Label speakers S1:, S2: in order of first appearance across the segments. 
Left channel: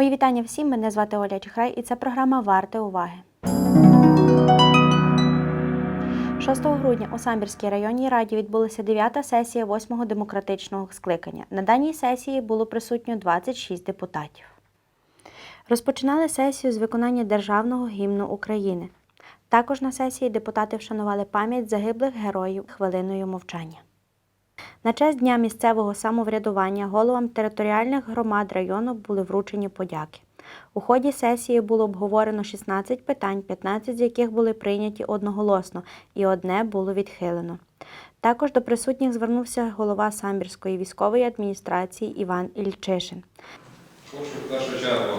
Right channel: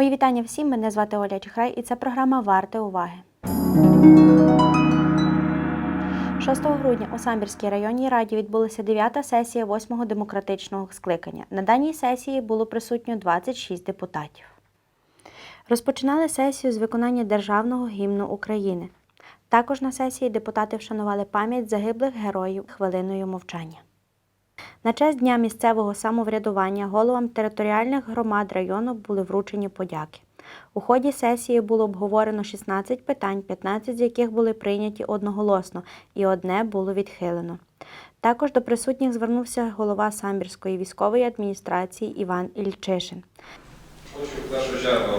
S1: Мої вітання всім. Мене звати Оля Чехрай і це програма Варте уваги. 6 грудня у Самбірській районній раді відбулася 9-та сесія 8-го демократичного скликання. На даній сесії було присутньо 26 депутатів. Розпочинали сесію з виконання державного гімну України. Також на сесії депутати вшанували пам'ять загиблих героїв хвилиною мовчання. На честь Дня місцевого самоврядування головам територіальних громад району були вручені подяки. У ході сесії було обговорено 16 питань, 15 з яких були прийняті одноголосно, і одне було відхилено. Також до присутніх звернувся голова Самбірської військової адміністрації Іван Ільчишин.
S2: Хочу в першу чергу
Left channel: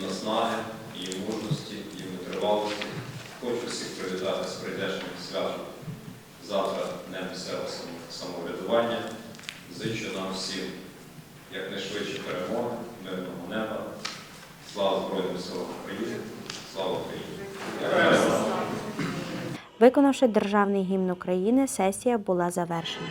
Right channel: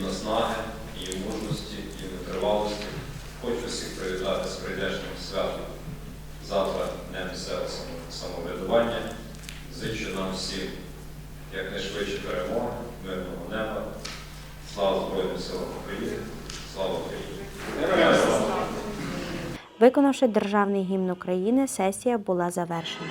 S2: наснаги, їм мужності, їм витривалості. Хочу всіх привітати з прийдешнім святом завтра Дня місцевого самоврядування. Зичу нам всім якнайшвидше перемоги, мирного неба. Слава Збройним силам України! Слава Україні! Героям слава!
S1: Виконавши державний гімн України, сесія була завершена.